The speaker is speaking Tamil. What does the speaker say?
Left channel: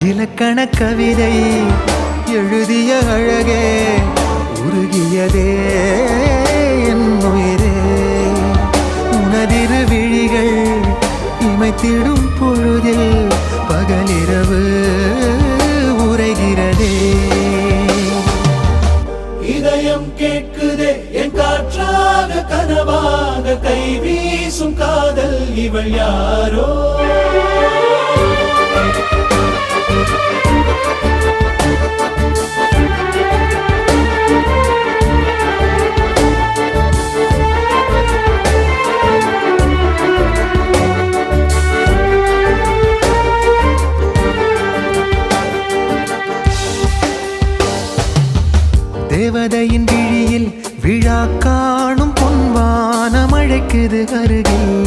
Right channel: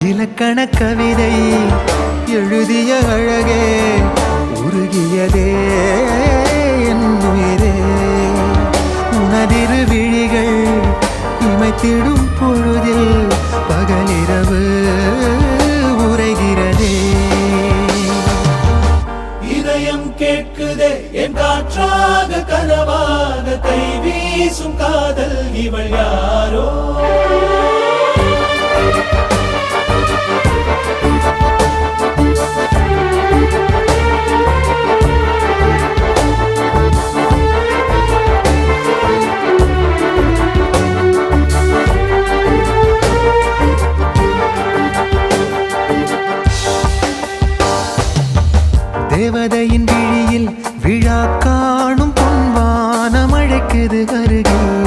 இலக்கண கவிதை எழுதிய அழகே உருகியதே என் உயிரே உனதிரு விழிகள் இமைத்திடும் பொழுதில் பகலிரவு உரைகிறதே இதயம் கேட்குதே என் காற்றாக கனவாக கை வீசும் காதல் இவள் யாரோ தேவதையின் விழியில் விழா காணும் பொன்வானம் அழைக்குது அருகில்.